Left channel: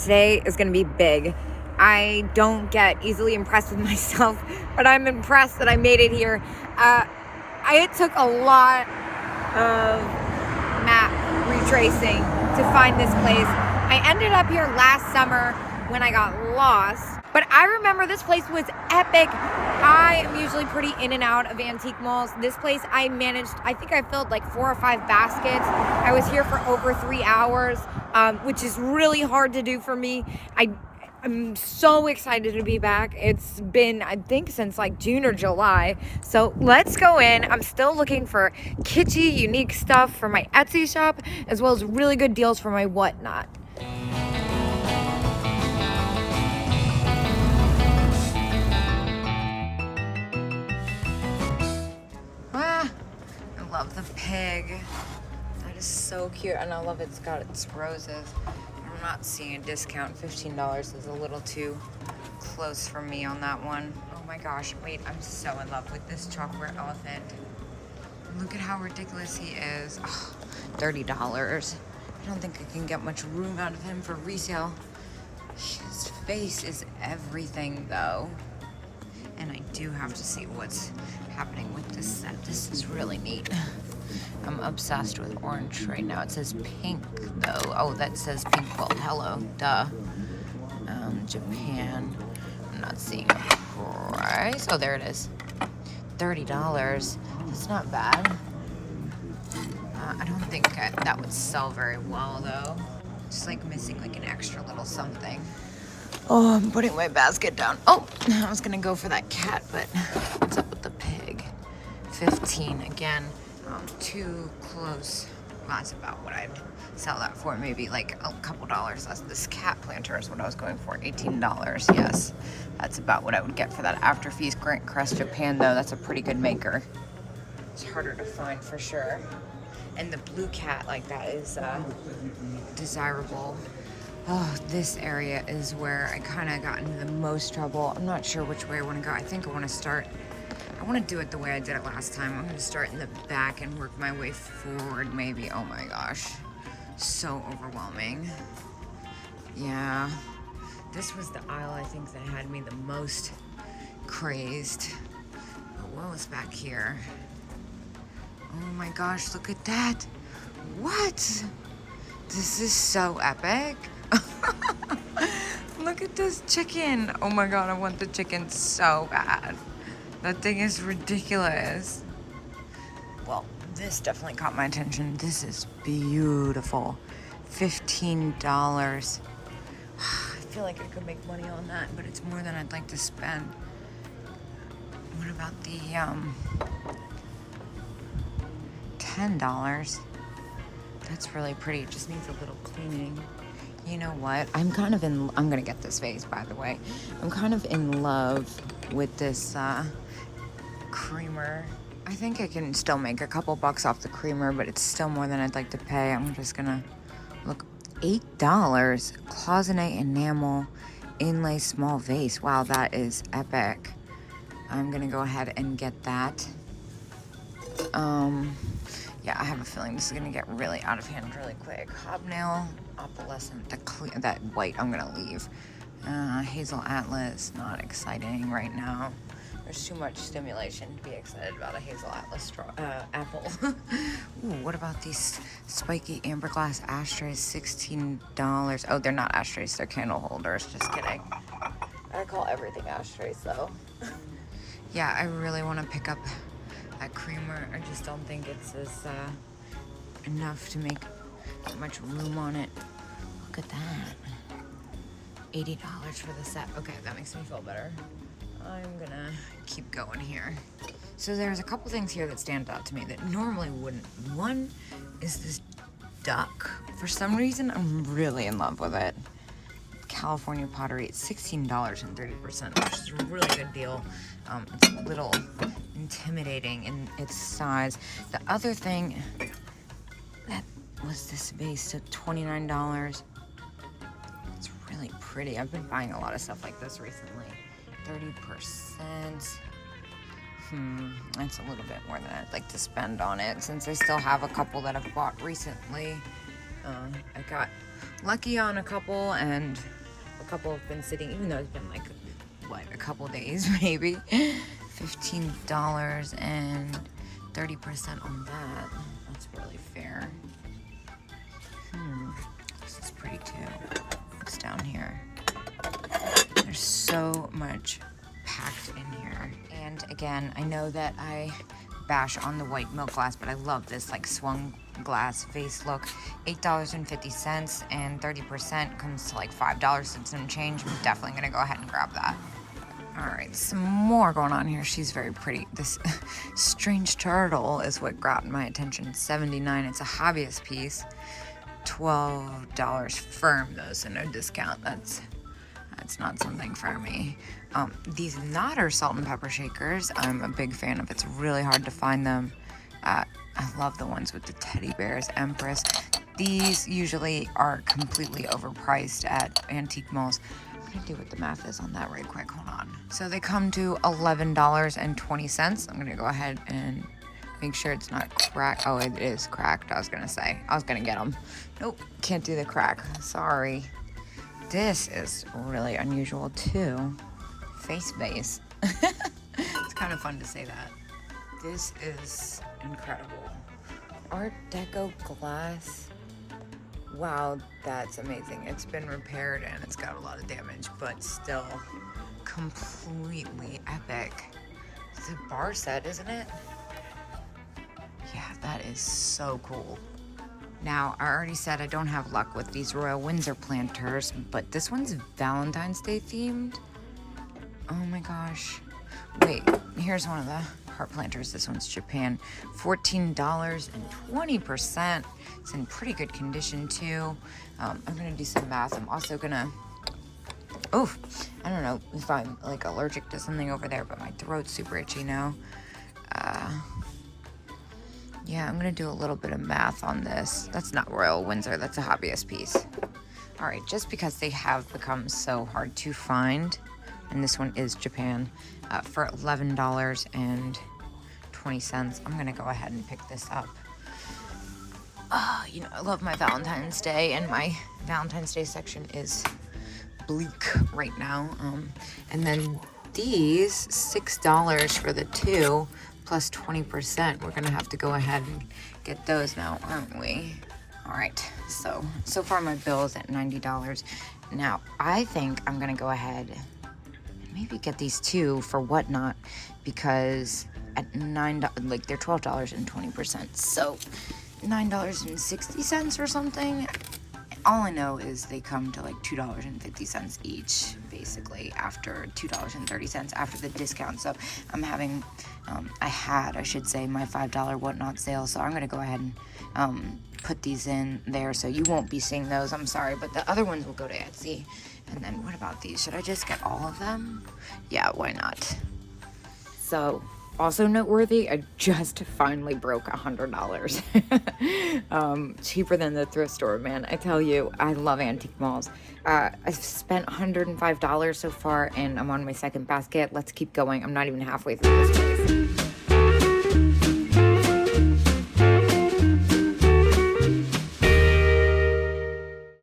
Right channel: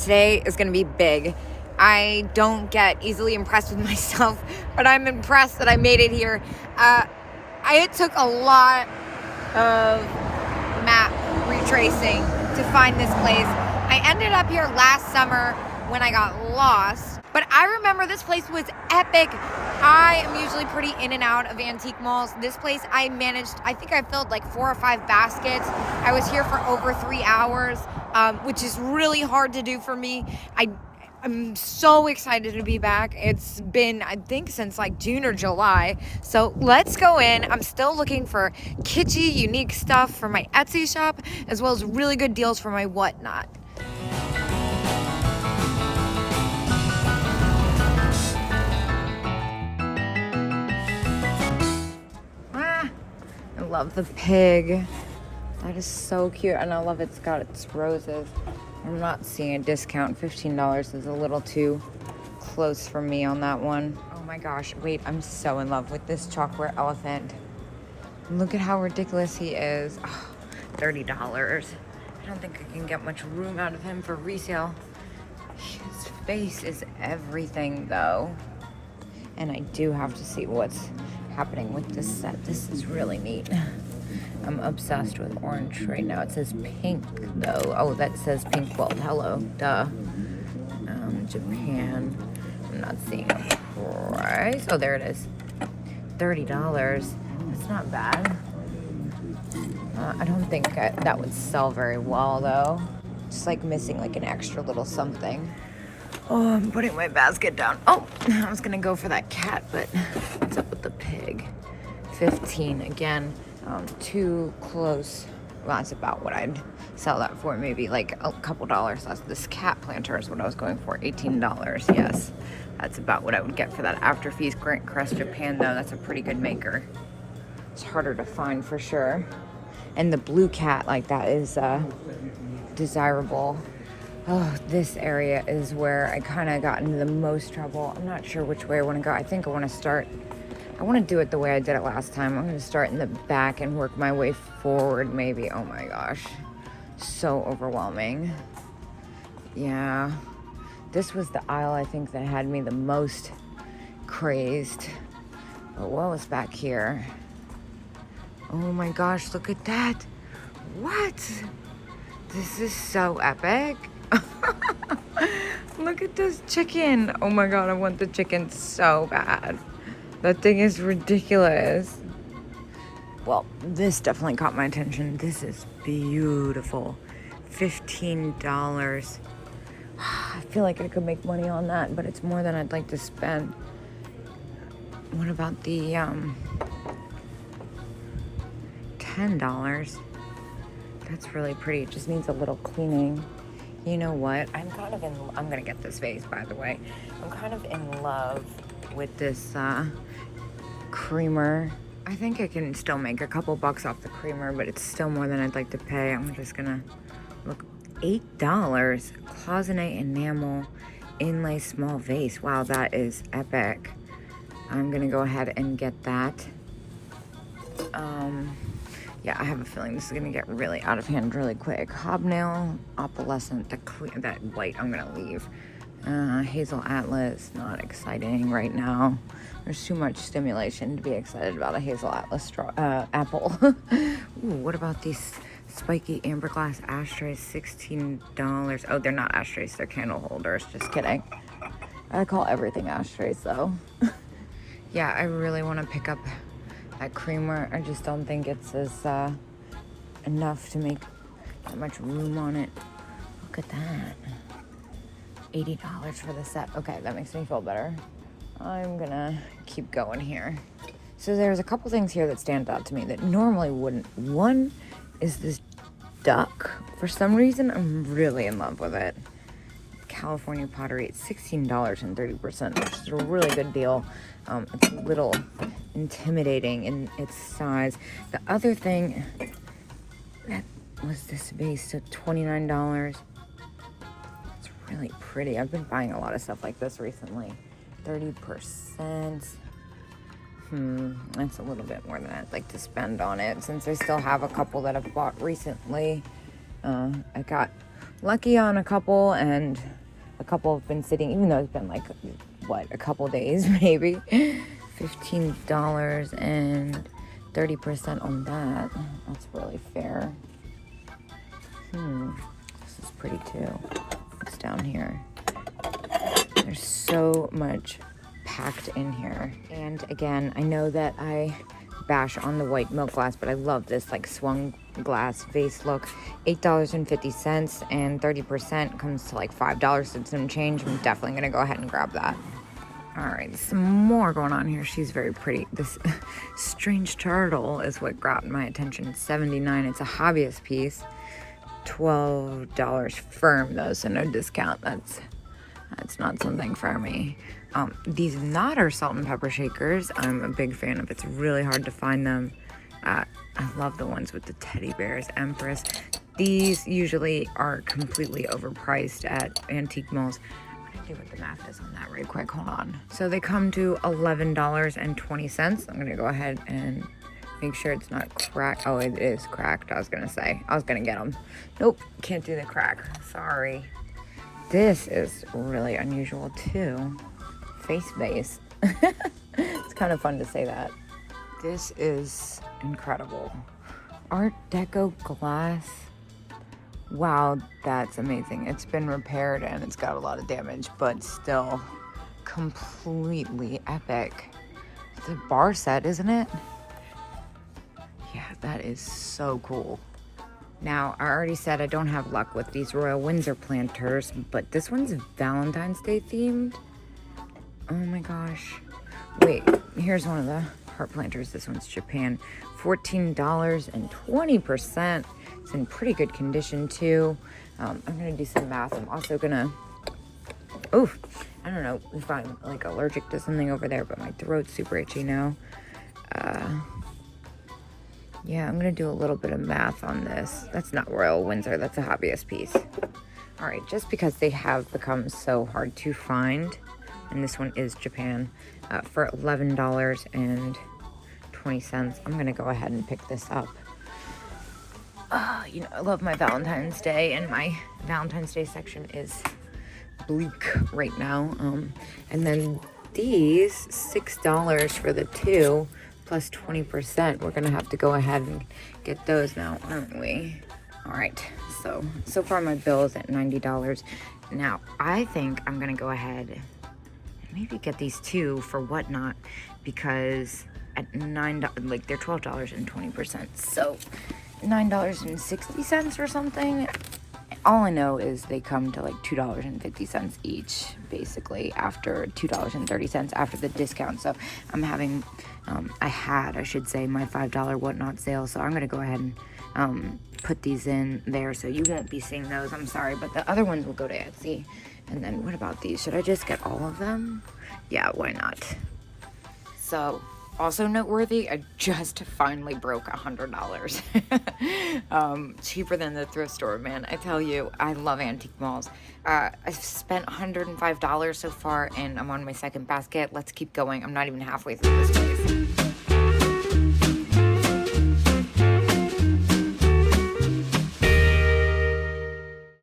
Today is gonna be big. I don't get easily impressed with myself, but I'm impressed that I made it here. It took a lot of map retracing to find this place. I ended up here last summer when I got lost, but I remember this place was epic. I am usually pretty in and out of antique malls. This place I think I filled like 4 or 5 baskets. I was here for over 3 hours, which is really hard to do for me. I'm so excited to be back. It's been, I think, since like June or July. So let's go in. I'm still looking for kitschy, unique stuff for my Etsy shop, as well as really good deals for my whatnot. I love the pig. That is so cute, and I love it's got its roses. I'm not seeing a discount. $15 is a little too close for me on that one. Oh my gosh, wait, I'm so in love with this chocolate elephant. Look at how ridiculous he is. Oh, $30. I don't think I can get much room out of him for resale. His face is everything though. And I do have to see what's happening with this set. This is really neat. I'm obsessed with orange right now. It says pink though. Oh, that says pink quilt. Hello, duh. Japan. I'm not seeing a price. Oh, there it is. $30. That's not bad. I don't think that would sell very well though. Just like missing like an extra little something. Oh, I'm putting my basket down. Oh, I was gonna go for that cat, but what's up with the pig? 15 again. Too close. Well, that's about what I'd sell that for. Maybe like a couple dollars less. This cat planter is what I was going for. $18. Yes, that's about what I would get for that. After fees, Grant Crest Japan though. That's a pretty good maker. It's harder to find for sure. And the blue cat like that is desirable. Oh, this area is where I kind of got into the most trouble. I'm not sure which way I want to go. I think I want to do it the way I did it last time. I'm going to start in the back and work my way forward maybe. Oh my gosh. So overwhelming. Yeah. This was the aisle I think that had me the most crazed. But what was back here? Oh my gosh, look at that. What? This is so epic. Look at this chicken. Oh my god, I want the chicken so bad. That thing is ridiculous. Well, this definitely caught my attention. This is beautiful. $15. I feel like I could make money on that, but it's more than I'd like to spend. What about the $10? That's really pretty. It just needs a little cleaning. You know what? I'm gonna get this vase, by the way. I'm kind of in love with this creamer. I think I can still make a couple bucks off the creamer, but it's still more than I'd like to pay. I'm just gonna look. $8. Cloisonne enamel inlay small vase. Wow, that is epic. I'm gonna go ahead and get that. Yeah, I have a feeling this is gonna get really out of hand really quick. Hobnail, opalescent, that white I'm gonna leave. Hazel Atlas, not exciting right now. There's too much stimulation to be excited about a Hazel Atlas apple. Ooh, what about these spiky amber glass ashtrays? $16. Oh, they're not ashtrays, they're candle holders. Just kidding. I call everything ashtrays though. Yeah, I really want to pick up that creamer. I just don't think it's as enough to make that much room on it. Look at that. $80 for the set. Okay, that makes me feel better. I'm gonna keep going here. So there's a couple things here that stand out to me that normally wouldn't. One is this duck. For some reason, I'm really in love with it. California pottery, it's $16.30%, which is a really good deal. It's a little intimidating in its size. The other thing that was this vase at $29. It's really pretty. I've been buying a lot of stuff like this recently. 30%. That's a little bit more than I'd like to spend on it, since I still have a couple that I've bought recently. I got lucky on a couple, and a couple have been sitting, even though it's been like, what, a couple days maybe. $15 and 30% on that. That's really fair. This is pretty too. What's down here? There's so much packed in here. And again, I know that I bash on the white milk glass, but I love this like swung glass vase look. $8.50 and 30% comes to like $5 and some change. I'm definitely gonna go ahead and grab that. All right, some more going on here. She's very pretty. This strange turtle is what grabbed my attention. $79. It's a hobbyist piece. $12 firm though, so no discount. That's not something for me. These Knotter salt and pepper shakers, I'm a big fan of. It's really hard to find them. I love the ones with the teddy bears, Empress. These usually are completely overpriced at antique malls. I'm gonna do what the math is on that right quick, hold on. So they come to $11.20. I'm gonna go ahead and make sure it's not cracked. Oh, it is cracked, I was gonna say. I was gonna get them. Nope, can't do the crack, sorry. This is really unusual too. Face base. It's kind of fun to say that. This is incredible. Art Deco glass. Wow, that's amazing. It's been repaired and it's got a lot of damage, but still completely epic. It's a bar set, isn't it? Yeah, that is so cool. Now, I already said I don't have luck with these Royal Windsor planters, but this one's Valentine's Day themed. Oh my gosh. Wait, here's one of the heart planters. This one's Japan. $14 and 20%. It's in pretty good condition too. I'm gonna do some math. I'm also gonna, I don't know if I'm like allergic to something over there, but my throat's super itchy now. Yeah, I'm gonna do a little bit of math on this. That's not Royal Windsor, that's a hobbyist piece. All right, just because they have become so hard to find, and this one is Japan, for $11.20, I'm gonna go ahead and pick this up. You know, I love my Valentine's Day, and my Valentine's Day section is bleak right now. And then these, $6 for the two, plus 20%. We're gonna have to go ahead and get those now, aren't we? All right, so far my bill is at $90. Now, I think I'm gonna go ahead and maybe get these two for Whatnot, because at $9, like they're $12.20, so $9.60 or something. All I know is they come to like $2.50 each, basically, after $2.30 after the discount. So I'm having, I should say, my $5 Whatnot sale. So I'm gonna go ahead and put these in there, so you won't be seeing those. I'm sorry, but the other ones will go to Etsy. And then what about these? Should I just get all of them? Yeah, why not? So, also noteworthy, I just finally broke $100. Cheaper than the thrift store, man. I tell you, I love antique malls. I've spent $105 so far, and I'm on my second basket. Let's keep going. I'm not even halfway through this place.